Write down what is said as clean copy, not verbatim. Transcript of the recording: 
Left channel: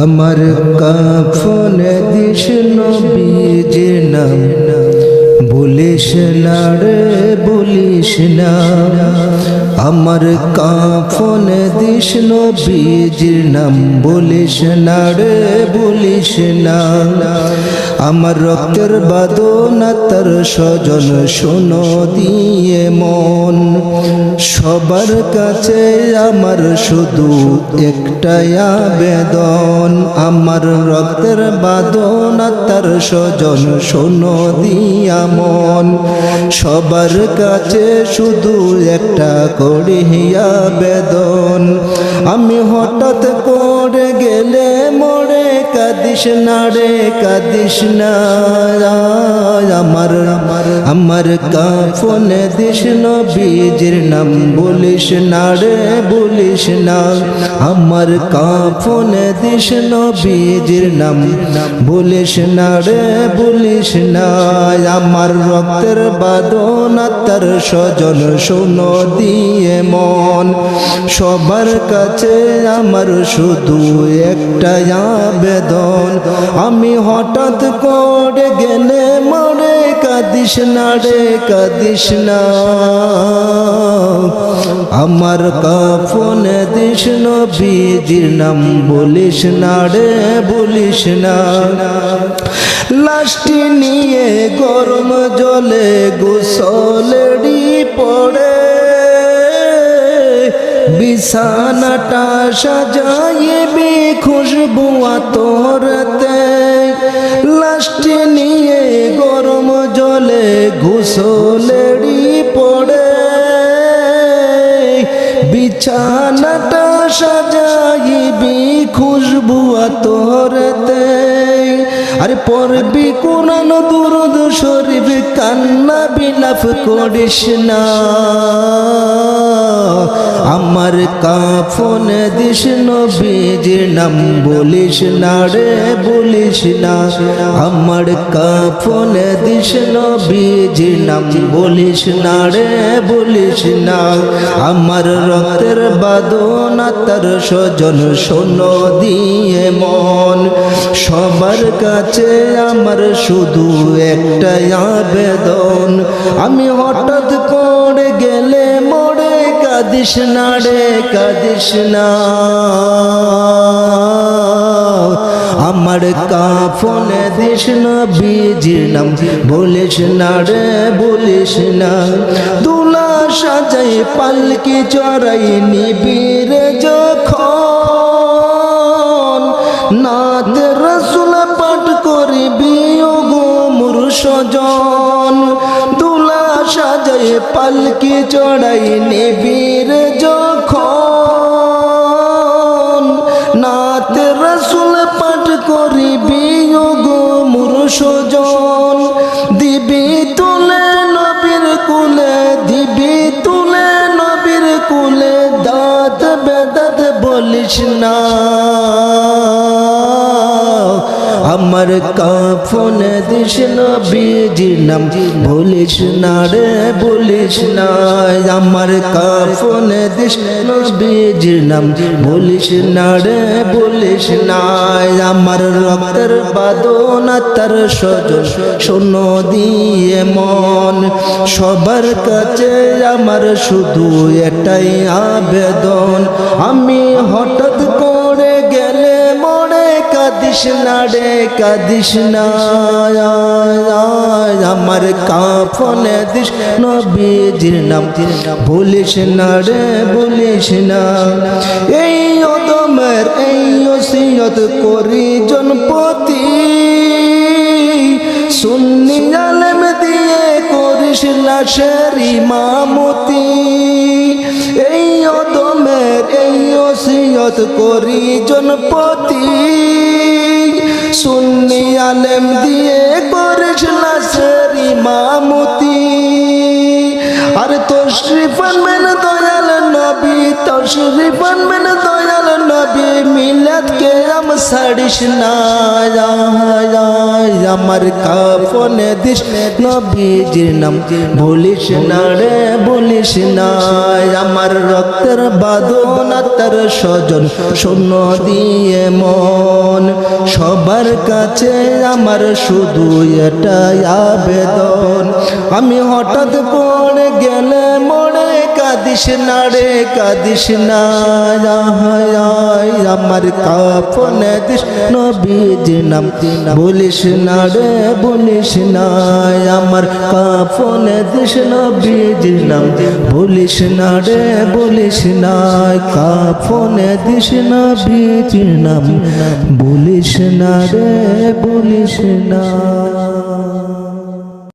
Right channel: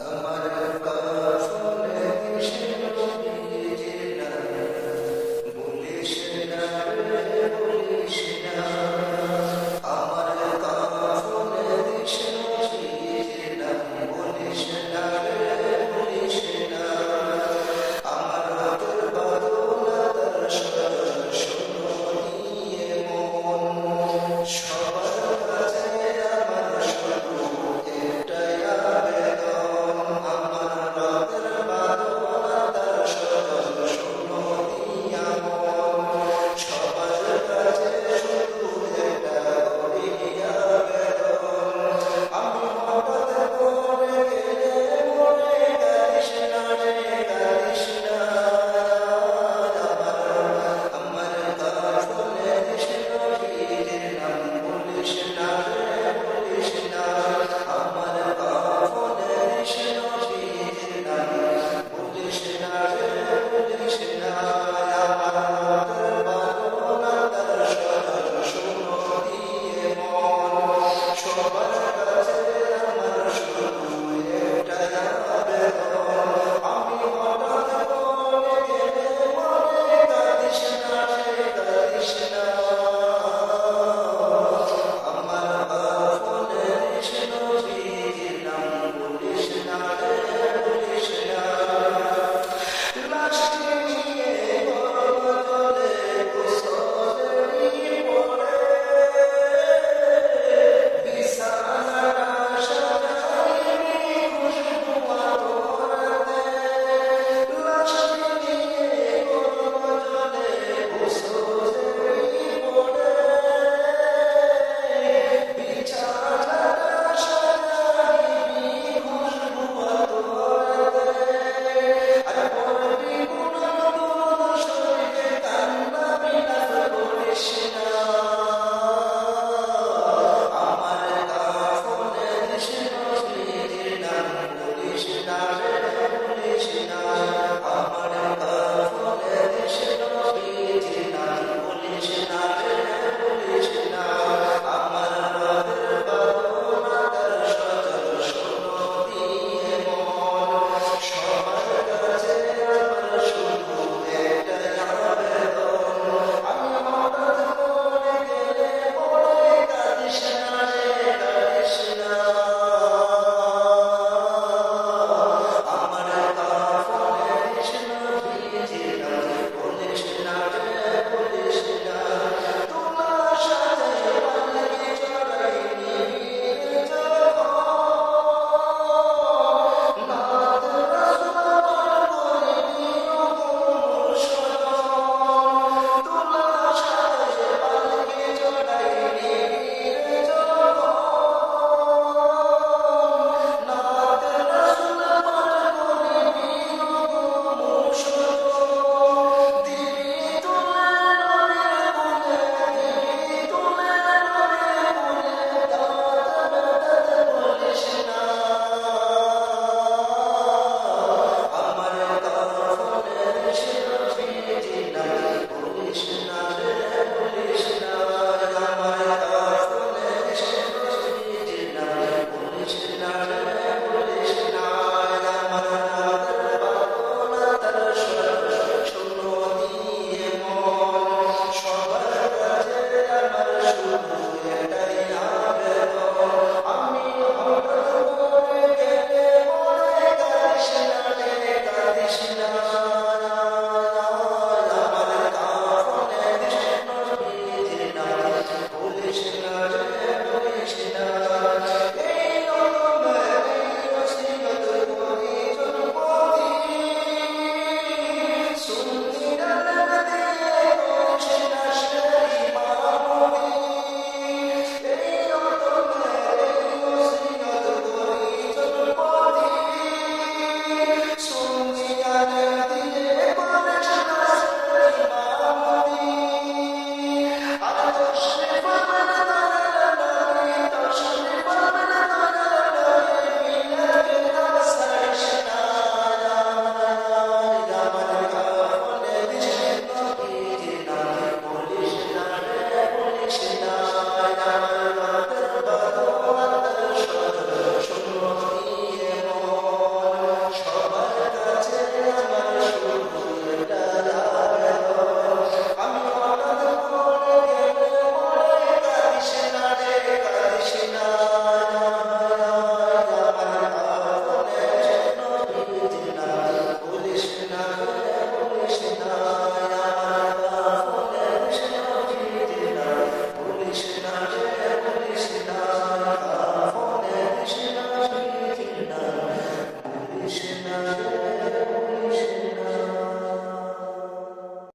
আমার কাফনে দিস নবীজির নাম বলিস না রে বলিস না। আমার কাফনে দিস নবীজির নাম বলিস না রে বলিস না। আমার রক্তের বাদনা তার স্বজন শোনো দিয়ে মন, সবার কাছে আমার শুধু একটাই আবেদন। আমার রক্তের বাদনা তার স্বজন শোনো দিয়া মন, সবার কাছে শুধু একটা করি আবেদন। আমি হঠাৎ করে গেলে মরে কাঁদিস না রে কাঁদিস না। আমার কাফনে দিস নবীজির নাম বলিস না রে বলিস না। আমার কাফনে দিস নবীজির নাম বলিস না রে বলিস না। আমার রক্তের বাদনা তার স্বজন শোনো দিয়ে মন, সবার কাছে আমার শুধু একটা আবেদন। আমি হঠাৎ করে গেলে মরে কাঁদিস না রে কাঁদিস না। আমার কাফনে দিস নবীজির নাম বলিস না রে বলিস না। লাশটি নিয়ে গরম জলে গোসলেরই পড়ে, বিছানাটা সাজাইবি খুশবু আতরতে। লাশটি নিয়ে গরম জলে গোসলেরই পড়ে, বিছানাটা সাজাইবি খুশবু আতরতে। আরে পড়বি কোরআন দুরূদ শরীফ, কান্না বিলাপ করিস না। আমার কাফনে দিস নবীজির নাম বলিস না রে বলিস না। আমার কাফনে দিস নবীজির নাম বলিস না রে বলিস না। আমার রক্তের বাদনা তার স্বজন শোনো দিয়ে মন, সবার কাছে আমার শুধু একটা আবেদন। আমি হঠাৎ করে গেলে মরে কাঁদিস না রে কাঁদিস না। আমার কাফনে দিস নবীজির নাম বলিস না রে বলিস না। দুলা সাজাই পালকি চড়াই নিবিরে যখন, নাত রাসূল পাঠ করবি ও গো মোর স্বজন। দুলা সাজাই পালকি চড়াই নিবিরে যখন, নাত রাসূল পাঠ করবি ও গো মোর স্বজন। দিবি তুলে নবীর কুলে, দিবি তুলে নবীর কুলে, দাঁত বেদাত বলিস না। আমার কাফনে দিস নবীজির নাম বলিস না রে বলিস না। আমার কাফনে দিস নবীজির নাম বলিস না রে বলিস না। আমার রক্তের বাদনা তার স্বজন শোনো দিয়ে মন, সবার কাছে আমার শুধু একটাই আবেদন। আমি হঠাৎ করে গেলে মরে কাঁদিস না রে কাঁদিস না। আমার কাফনে দিস নবীজির নাম বলিস না রে বলিস না। এই অদমের এই ওসিয়ত করি জনপতি, সুন্নি আলেম দিয়ে করিস লাশের ইমামতি। এই অদমের এই ওসিয়ত করি জনপতি, সুন্নি আলেম দিয়ে করিস লাশের ইমামতি। আর তশরিফ আনবেন দয়াল নবী, তশরিফ আনবেন দয়াল নবী, মিলাদ কে আম ছাড়িস না। আমার কাফনে দিস নবীজির নাম বলিস না রে বলিস না। আমার রক্তের বাদনা তার স্বজন শোনো দিয়ে মন, সবার কাছে আমার শুধু এটাই আবেদন, আমি হঠাৎ পড়ে গেলে মরে কাঁদিস না রে কাঁদিস না, আমার কাফনে দিস নবীজির নাম, বলিস না রে বলিস না, আমার কাফনে দিস নবীজির নাম, বলিস না রে বলিস না, কাফনে দিস নবীজির নাম, বলিস না রে বলিস না।